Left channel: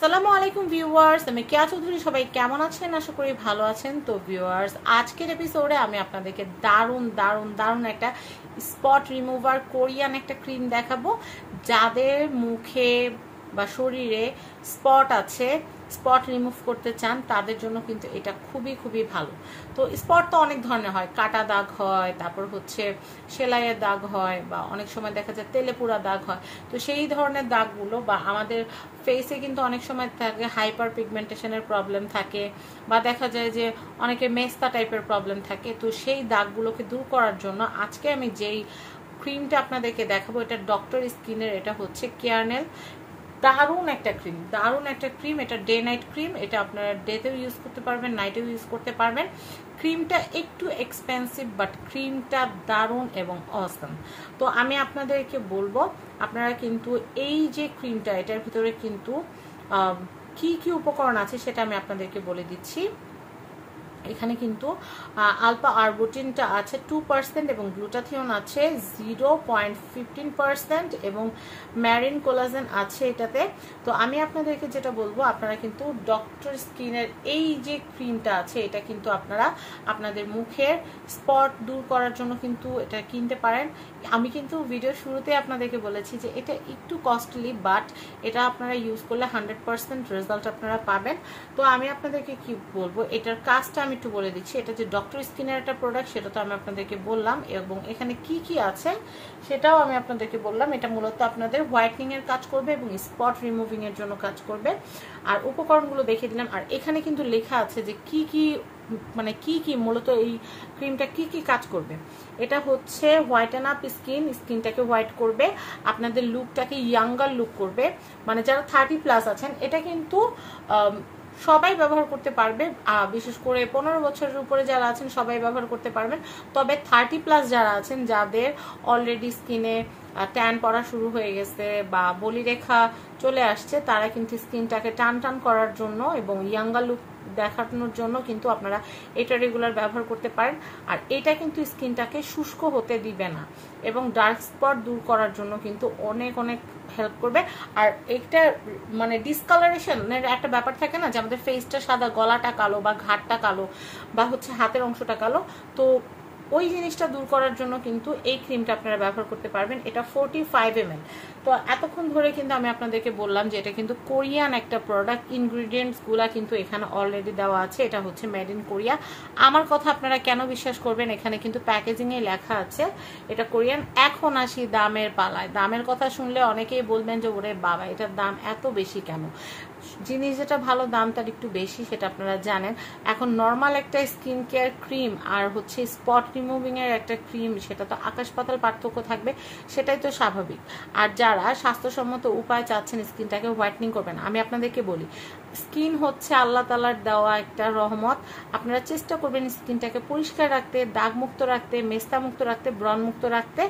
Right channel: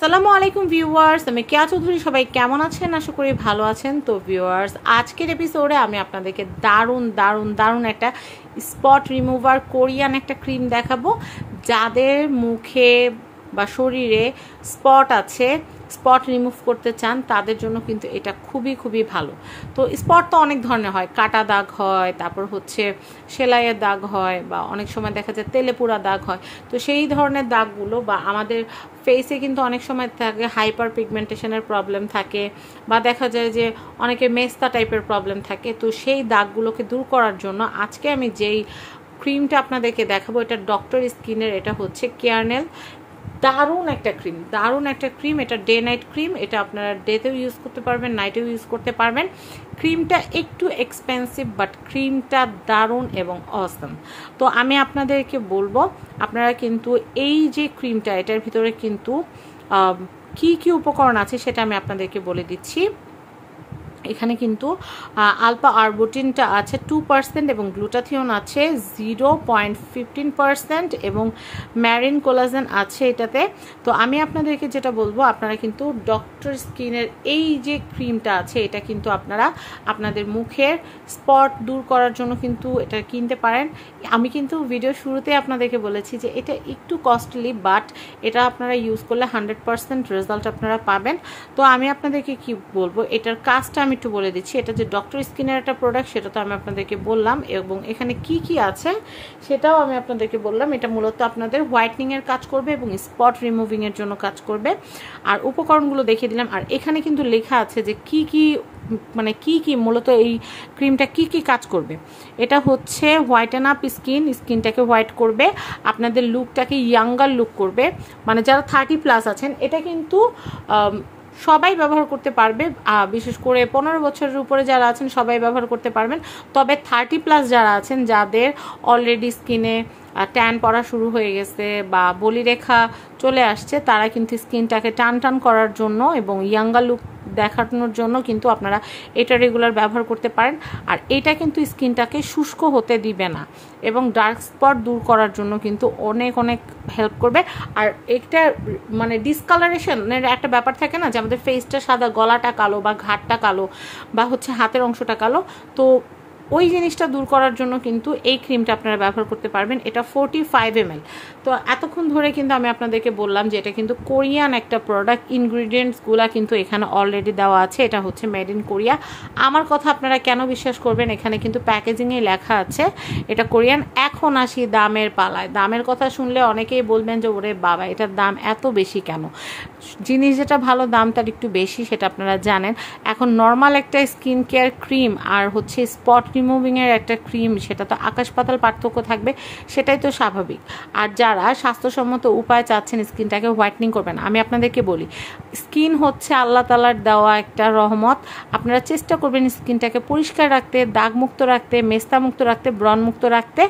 আসসালামু আলাইকুম ভিউয়ার্স, আমি কেয়া চৌধুরী। সবাই কেমন আছেন? আশা করি ভালো আছেন। তো ভিউয়ার্স, আজকের এপিসোডে আমি আপনাদেরকে দারুণ দারুণ দারুণ একটা স্পট রিমুভার কোরিয়ান একটা ক্রিম দেখাবো। যাদের মুখে বা শরীরে স্পট আছে, স্পট রিমুভ করতে চান, তাদের জন্য কিন্তু এটা খুবই খুবই ভালো। তো স্পট তো অনেক ধরনের হয়, কাটা দাগ হয়, তারপর হচ্ছে সেলাইয়ের দাগ হয়, বা অনেক সময় দেখা যায় তেলে পোড়া দাগ হয়। তো সেই ধরনের দাগগুলো, বা আমাদের ফেসে কিন্তু অনেক সময় থাকে হাইপার পিগমেন্টেশনের প্রবলেম থাকে, বা দেখা যায় যে অনেকে মেস্তা টাইপের প্রবলেম থাকে। তো সেই দাগগুলোকে দূর করার জন্য আজকে আমি যেই ক্রিমটা আপনাদেরকে দেখাবো, এটা ডক্টর স্কিনের, এটা হচ্ছে কেয়ারনেল। দারুণ একটা ক্রিম, দারুণ একটা ক্রিম। এটা ডে নাইট ক্রিম। এটা আপনারা ডেতেও ইউজ করতে পারবেন, নাইটেও ইউজ করতে পারবেন। ক্রিমটা একটু এক্সপেন্সিভ, বাট ক্রিমটা দারুণ এবং অসম। তো আমি আপনাদেরকে বলবো, আপনারা কিন্তু এই যে ক্রিমটা, এটার ভিতরে কিন্তু কি কি উপকরণ আছে সেটা আমি আপনাদেরকে বলে দিচ্ছি। এখানে কিন্তু আলফা আরবুটিনটা আছে 2% এবং গ্লুটাথিয়ন আছে 0.15% এবং ম্যারিন কোলাজেন আছে এটাতে। তো আমি আপনাদেরকে যেটা বলবো, আপনারা কিন্তু ডক্টর স্কিনের এই যে ক্রিমটা আছে, এটা কিন্তু আপনারা আপনাদের মুখের স্পট দূর করার জন্য কিন্তু এটা কিনতে পারেন। আমি কিন্তু ভিডিও শুরুতে আপনাদেরকে বলেছি যে এটা একটু কস্টলি, বাট এটা আপনারা ইউজ করলে 100% রেজাল্ট আপনারা পাবেন। তো আমি আপনাদেরকে কি বলবো, এটার কাজটা আমি একটু বলে দিচ্ছি। এটা যে ডক্টর স্কিনের একটা প্রোডাক্ট, সেটা তো আমি আপনাদেরকে বললাম, এবং এখানে কি কি আছে সেটাও আমি আপনাদেরকে বললাম। এটা মূলত আপনাদের হোয়াইটনিং এর কাজ করবে এবং স্পট রিমুভিং এর জন্য কাজ করবে। আর উপকরণগুলো দেখিয়ে দিলাম। আর এখানে কিন্তু লেখা আছে যে কি কি, মানে কি কি মূলত এই ক্রিমটা কি কি কাজ করবে। এটা হচ্ছে হোয়াইটেন আপ স্কিনটাকে হোয়াইট করবে, আপনাদের লুকটাকে ইয়াঙ্গার লুক করবে। মানে যারা 30+ আছেন, এটা কিন্তু সবাই ব্যবহার করতে পারবে। বিশেষ করে 15 বছরের উপরে যারা আছেন সবাই ব্যবহার করতে পারবেন। তবে 30+ যারা আছেন, যাদের অলরেডি স্কিনে ট্যান পড়া শুরু হয়ে গেছে বা বলিরেখা চলে আসছে, তারা কিন্তু স্কিনটাকে টান টান করার জন্য এবং ইয়াঙ্গার লুক দেখানোর জন্য কিন্তু আপনারা এটা রেগুলার ব্যবহার করতে পারেন। আর এটা কিন্তু স্কিনটাকে শুষ্ক হতে দিবে না এবং ডার্ক স্পট দূর করার জন্য কিন্তু অনেক অনেক হেল্প করবে। আর একটা মানে ডিসকালারেশনের একটা ব্যাপার থাকে না, যে আমাদের ফেসটা সাদা, গলাটা কালো, বা ঘাটটা কালো, বা হচ্ছে হাতের অংশটা কালো, তো ওই জিনিসটা দূর করার জন্য কিন্তু এই ক্রিমটা আপনারা ব্যবহার করতে পারবেন। এটা 45 ml। তো এতক্ষণ ধরে কিন্তু আমি আপনাদেরকে বললাম যে এটা কিন্তু কোরিয়ান একটা প্রোডাক্ট। ইনগ্রিডিয়েন্টসগুলো কিন্তু এখানে অলরেডি দেওয়া আছে। এটা হচ্ছে মেড ইন কোরিয়া। আমার কথা আপনারা কেন বিশ্বাস করবেন, এখানে কিন্তু প্যাকেজিংয়ে লেখা আছে এটা কোরিয়ান। এখন আসি দামের পালায়। দামের কথা শুনলে অনেকেই বলবেন যে ওরে বাবা, এটার দাম এত বেশি কেন? জিনিস যেটা ভালো, দাম তার একটু বেশি, সেটা আপনারা জানেন। এখন নর্মাল একটা স্কিন কেয়ার ক্রিম আর হচ্ছে স্পট রিমুভিং এর একটা ক্রিম, সেটা তো আকাশ পাতাল পার্থক্য থাকবে, সেটাই তো স্বাভাবিক। আর যারা স্বাস্থ্যসম্মত উপায় চাচ্ছেন স্কিনটাকে হোয়াইটনিং করবেন, আমি আপনাদেরকে বলি, স্কিন হচ্ছে আল্লাহ তাআলার দেওয়া একটা রহমত। আপনারা চেষ্টা করবেন স্কিনটাকে পরিষ্কার রাখতে, দাগমুক্ত রাখতে, মেস্তামুক্ত রাখতে, ব্রণমুক্ত রাখতে।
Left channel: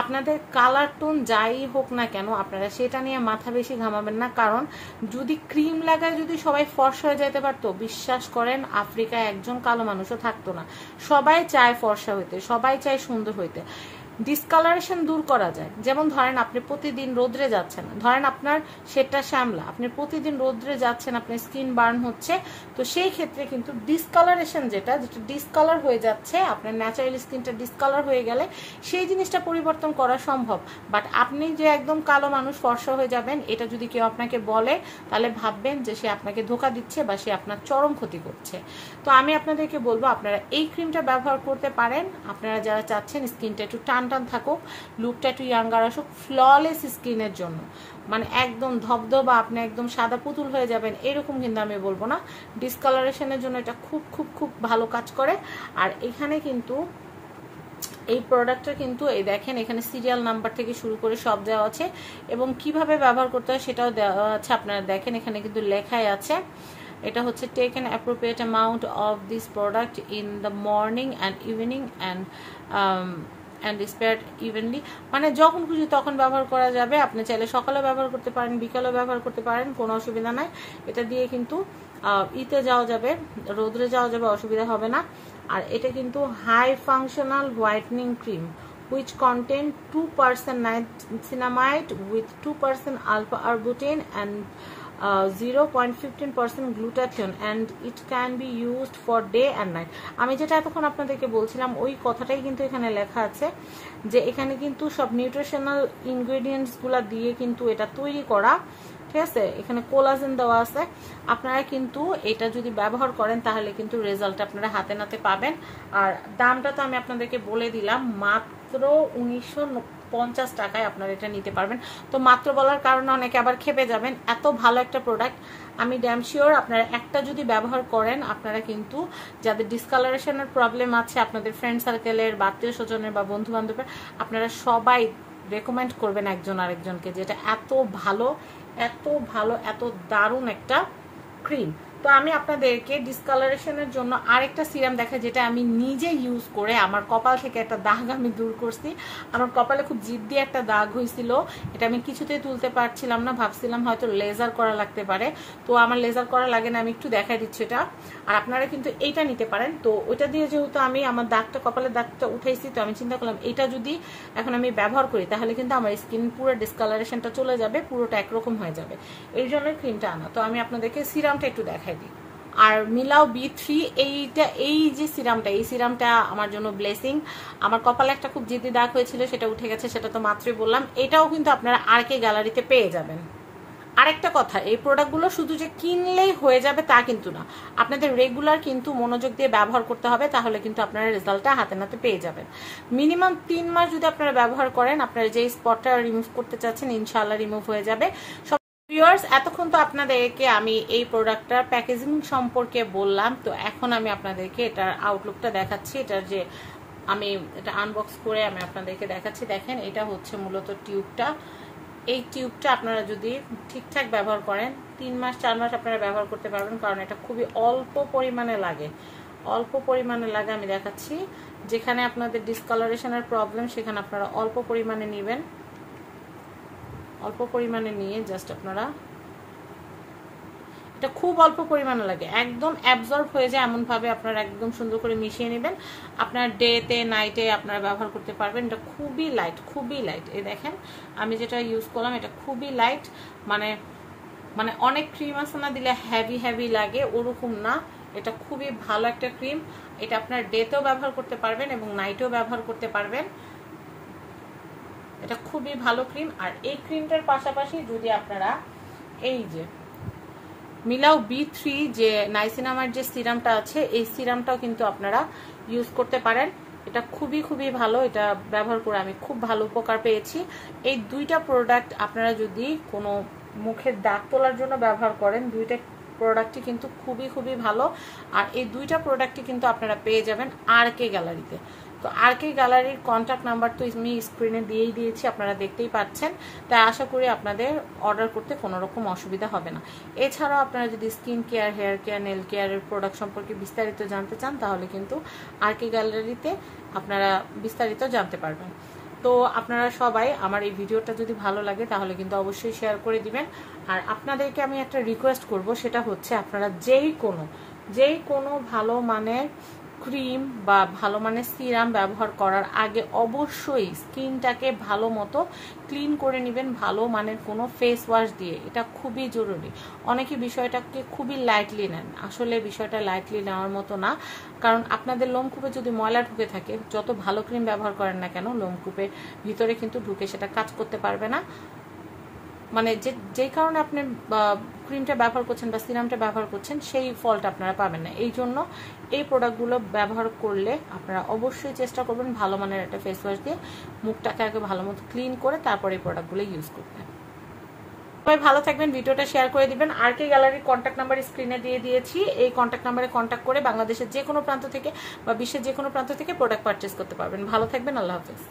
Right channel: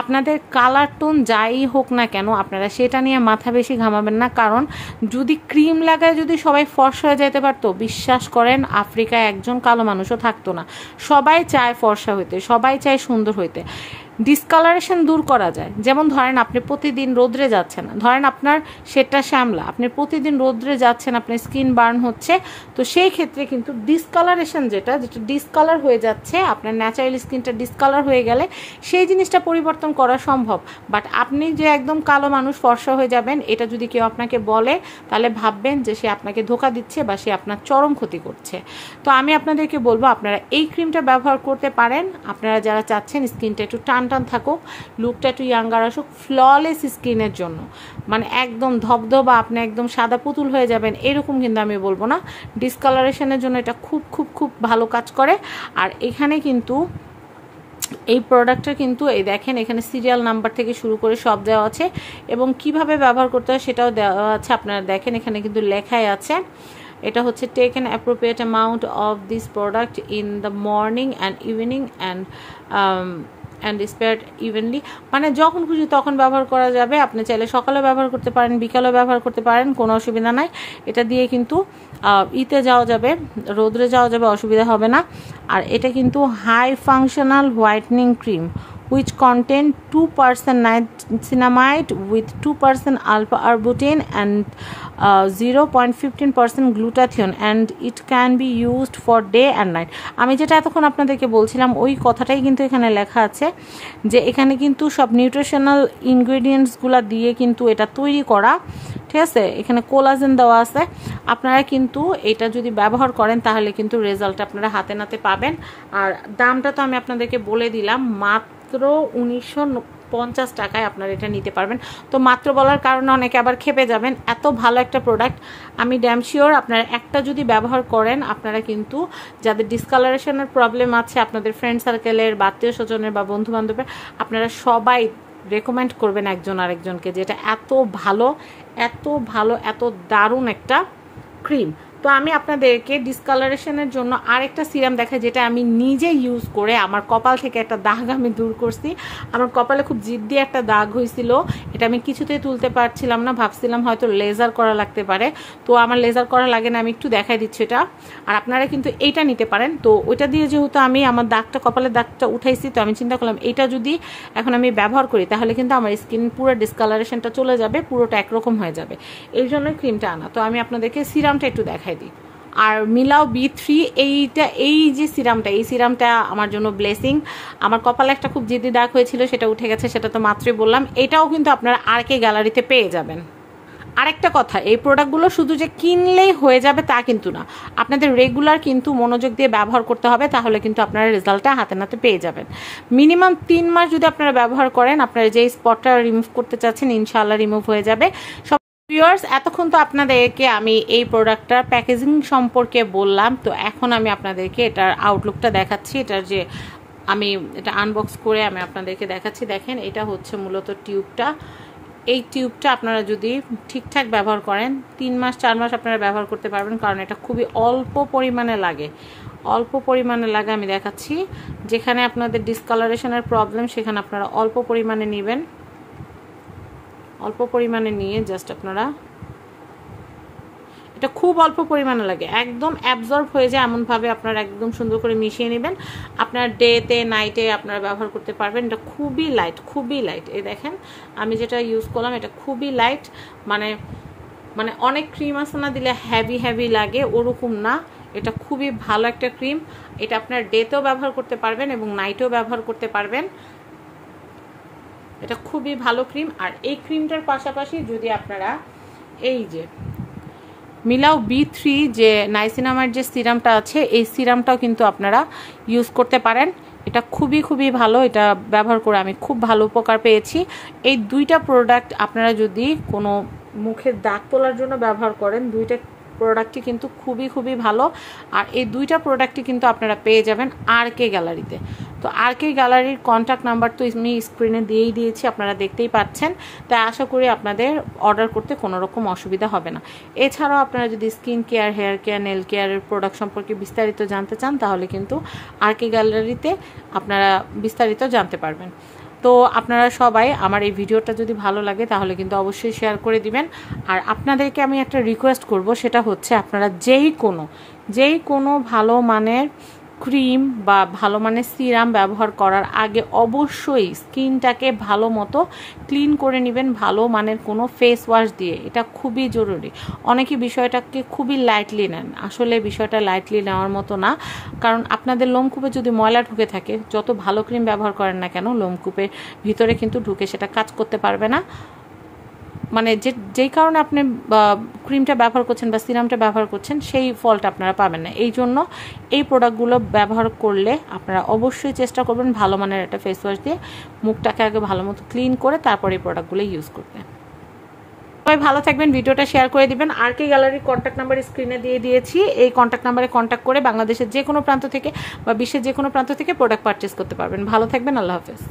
আপনাদের কালার টোন যাই হোক না কেন, আপনারা সেটা নিয়ে মাথা বেশি ঘামাবেন না। কারণ যদি ক্রিম লাগায় যদি সবাই ফর্সা হয়ে যেতে পারতো, বিশ্বাস করেন আফ্রিকায় একজন কালো মানুষও থাকতো না। সবাই চায় ফর্সা হইতে, সবাই চায় সুন্দর হইতে। ডিসকালারেশন দূর করা যায়। যেমন ধরেন আপনি প্রতিদিন রোদ্রে যাচ্ছেন, ধরেন আপনার সেটা শ্যামলা, আপনি প্রতিদিন রোদ্রে যাচ্ছেন, আপনার স্কিন বার্ন হচ্ছে, তো সেই ক্ষেত্রে কিন্তু ডিসকালারেশন যেটা ডিসকালার হয়ে যাচ্ছে, আপনার ন্যাচারাল স্কিনটা ডিসকালার হয়ে গেলে সেই জিনিসটা পরিবর্তন করা সম্ভব। বাট আপনি যে একদম কালো মানুষ, ফর্সা হয়ে যাবেন, এটা যদি কেউ আপনাকে বলে, তাহলে ভাববেন যে সে আপনাকে ধোকা দিচ্ছে বা সে আপনার চরম ক্ষতি করছে। তো আমি আপনাদেরকে বলবো, আপনারা এই ক্রিমটা ব্যবহার করতে পারেন। আপনারা যারা চাচ্ছেন স্কিনটা একটু টান টান থাকুক, লুকটা একটু ইয়াঙ্গার আসুক, ফ্ললেস স্কিনের জন্য, মানে একদম ধবধবা, আপনি একদম সাদা পুতুল হয়ে যাবেন, এরকম কিন্তু আমি বলবো না। ডিসকালারেশনের জন্য এটা খুব খুব খুব ভালো কাজ করে। আর এখানে কিন্তু এই প্রোডাক্টটা কিন্তু এই দেখেন, এখানে সিরিয়াল নাম্বার থেকে শুরু করে সব দেওয়া আছে এবং কিভাবে ব্যবহার করতে হয় সেটাও দেওয়া আছে। আপনারা দেখেন, এখানে কিন্তু লেখাই আছে। এটা হচ্ছে take an appropriate amount of this product in the morning and evening and spare evenly, মানে যখন খুশি তখন ব্যবহার করা যাবে। আপনি চাইলে সকালে ব্যবহার করতে পারেন, বিকালেও ব্যবহার করতে পারেন, কোনো অসুবিধা নাই। এটা দিয়ে কিন্তু ইতে যাওয়া যাবে, রোদ্রে যাওয়া যাবে, অসুবিধা হবে না। আর এটা কিন্তু high functional whitening cream which contain 2% niacinamide with 2% alpha arbutin and 0.15% glutathione and it can be used for day and night. আমি যেটা এতক্ষণ আপনাদেরকে বলছিলাম ওই কথাটাই কিন্তু এখানে লেখা আছে, যে এখানে কিন্তু সব নিউট্রিশনাল ইনগ্রেডিয়েন্টসগুলো দিয়ে কিন্তু এটা তৈরি করা, ঠিক আছে। এখানে কোলাজেন দেওয়া আছে। আপনারা কিন্তু এটা যদি ব্যবহার করেন তাহলে কিন্তু রেজাল্ট আপনারা হাতে নাতে পাবেন। আর দামটা তো আমি আপনাদেরকে বলে দিলাম, মাত্র 1950 টাকায় আপনারা এটা নিতে পারবেন। তো মাত্র বলার কারণে অনেকে আবার খেপে যাবেন, এত ভালো একটা প্রোডাক্ট। আমি ড্যাম শিওর আপনারা একটা যদি ব্যবহার করেন, আপনারা কিন্তু যাদের ডিসকালারেশনের প্রবলেম আছে, আপনাদের ফ্রেন্ড সার্কেলের বা আত্মীয় স্বজনের বা বন্ধু বান্ধবের, আপনারা সবাই রেকমেন্ড করবেন একজন আরেকজনকে, যেটা এত ভালো এত ভালো এত দারুণ একটা ক্রিম। তো আমি আপনাদেরকে ডিসকালারেশনের জন্য আরেকটা সিরাম দেখাই, যেটা আমি নিজে ইউজ করে আমার কপাল থেকে একটা দাগ আমি দূর করছি। আমার কপালে খুব জিদ্দি একটা দাগ হয়েছিল, এটা আমি কিছুতেই তুলতে পারছিলাম না, ভাবছিলাম হয়তো লেজার করা লাগতে পারে। তো আমার লেজার করা লাগে না, আমি একটু দেখাই দিচ্ছি এটা। আর আপনারা কিন্তু এইটা নিতে পারেন। তো ওইটা দিয়ে যেহেতু আমি আমার দাগটা, কপালের দাগটা উঠাইছি, তো আমি চিন্তা করলাম এইটা যদি এখন আমি ব্যবহার করি তাহলে কিন্তু আমার স্কিন পুরো ডিসকালারেশনটা চলে যাবে, পুরোটা একরকম হয়ে যাবে। এই জন্য ক্রিমটা আনা। তো আমি আপনাদেরকে সিরামটা একটু দেখাই দিই। আর মিলাও B3 এইটা, এই যে সিরামটা, এই সিরামটা আমার জন্য ব্লেসিং। আমার কপালে একটা খুব জিদ্দি দাগ হয়েছিল, সেটা উঠে গেছে, সেটা তো মাত্রই বললাম। এটাও কিন্তু আপনারা RK গ্যালারিতে পেয়ে যাবেন। আরেকটা কথা, এই প্রোডাক্টগুলো শুধু যে কিনলেই হয়ে যাবে তা কিন্তু না, আপনাদের রেগুলার কিন্তু মনোযোগ দিয়ে ব্যবহার করতে হবে, তাহলে কিন্তু আপনারা রেজাল্টটা হাতে নাতে পেয়ে যাবেন। মিনিমাম 3 মাস যদি আপনারা ব্যবহার করেন, আপনারা যেই স্পটটা রিমুভ করতে চাচ্ছেন ইনশাআল্লাহ রিমুভ হয়ে যাবে। ভিউয়ার্স, এতক্ষণ তো আপনাদেরকে আমি এই প্রোডাক্টটার প্যাকেজিং সম্পর্কে বললাম। তো এখন আমি আপনাদেরকে এটার আউটলুকটা দেখাচ্ছি। এটার যে আমি এটা আনবক্স করে আমি আপনাদেরকে দেখাচ্ছি। দেখেন, এটা হচ্ছে মূলত টিউবটা। এই টিউবটা আপনারা যদি ঠিকঠাক ব্যবহার করেন 3 মাস 4 মাস আপনারা ব্যবহার করতে পারবেন, কারণ এটা খুবই অল্প পরিমাণে লাগে, অল্প পরিমাণে লাগে। আমি দেখাচ্ছি, যেখানে আপনাদের ডিসকালারেশনের প্রবলেম সেখানে আপনারা অল্প পরিমাণে নেবেন, অল্প পরিমাণে নিয়ে জাস্ট আপনারা, এটা খুব অল্প পরিমাণে লাগে, একদম অ্যাবজর্ব হয়ে যায় এমনভাবে আপনারা একদম সুন্দর করে মিশিয়ে নেবেন। আপনার ডেতে নাইটে আপনারা ব্যবহার করতে পারবেন। এটা খুবই লাইট, খুবই লাইট। এই দেখেন আমি যেটা ইউজ করলাম, এটা খুবই লাইট। মানে অনেক ক্রিম আছে না, দিলে হ্যাভি হ্যাভি লাগে, ওরকম না। এটা খুবই ভালো একটা ক্রিম। এটা আপনার ডেতেও ব্যবহার করতে পারবেন এবং নাইটেও ব্যবহার করতে পারবেন। এটা খুবই ভালো ক্রিম। আর এই ক্রিমটার পাশাপাশি যদি আপনারা এই যে মিলাও B3 যে নাইসিনামার যে সিরামটা আছে, এই সিরামটাও কিন্তু আপনারা ইউজ করতে পারেন। এটা খুবই খুবই ভালো, এটা ব্যবহার করে আমি খুব ভালো উপকার পেয়েছি। এই দুইটা প্রোডাক্ট আপনারা যদি কোনো মুখের দাগ তোলার জন্য ব্যবহার করেন, দুইটা প্রোডাক্টই কিন্তু খুবই খুবই ভালো। আর এই দুইটা প্রোডাক্টই কিন্তু আপনারা পেয়ে যাবেন RK গ্যালারিতে। তো RK গ্যালারির কন্ট্যাক্ট নাম্বার তো আমি স্ক্রিনে দিয়েই দিয়েছি, আপনারা দেখতেই পাচ্ছেন। তাই আশা করি আপনাদের অর্ডার করতে কোনো রকম অসুবিধা হবে না। এছাড়াও আপনারা যদি skin care, hair care, nail কেয়ারের প্রোডাক্ট সম্পর্কে বিস্তারিত জানতে চান, তাহলে কিন্তু RK গ্যালারিতে আপনারা বিস্তারিত জানতে পারবেন। তো আপনারা সবাই আমার এই ভিডিওটা যদি ভালো লাগে তাহলে কিন্তু অবশ্যই শেয়ার করে দিবেন। আর আপনাদেরকে আমি একটা রিকোয়েস্ট করব, সেটা হচ্ছে আপনারা যেই কোনো ভালো মানের ক্রিম বা ভালো মানের সিরাম ব্যবহার করার আগে অবশ্যই স্কিনটাকে ভালো মতো ক্লিন করে নেবেন, ভালো মানের কোনো ফেস ওয়াশ দিয়ে। এটা খুবই জরুরি। অনেকে বিষয়টাকে খুবই লাইটলি নেন, আসলে বিষয়টা লাইটলি নেওয়ার মতো না। কারণ আপনাদের লোমকূপে যদি ময়লা ঢুকে থাকে, যত ভালো ক্রিম ব্যবহার করেন না কেন, লোমকূপের ভিতরে কিন্তু ঢুকে সেটা কাজ করতে পারবে না। মানে যেই কারণে আপনি ক্রিমটা ব্যবহার করছেন বা সিরামটা ব্যবহার করছেন, সেই ফলটা আপনারা পাবেন না। এই জন্য এই প্রোডাক্টগুলো ব্যবহার করলে আপনারা অবশ্যই চেষ্টা করবেন ভালো মানের একটা ফেস ওয়াশ দিয়ে মুখটাকে আগে ভালো মতো ক্লিন করে তারপর এই প্রোডাক্টগুলো ইউজ করতে। সবাই ভালো থাকবেন, ভিডিওটা শেয়ার করে দিবেন। RK গ্যালারির কন্ট্যাক্ট নাম্বার স্ক্রিনে দিয়ে দিয়েছি। এই কন্ট্যাক্ট নাম্বারে কন্ট্যাক্ট করে বাংলাদেশের যে কোনো প্রান্ত থেকে বা বিশ্বের যে কোনো প্রান্ত থেকে প্রোডাক্ট পারচেস করতে পারবেন। ভালো থাকবেন, আল্লাহ হাফেজ।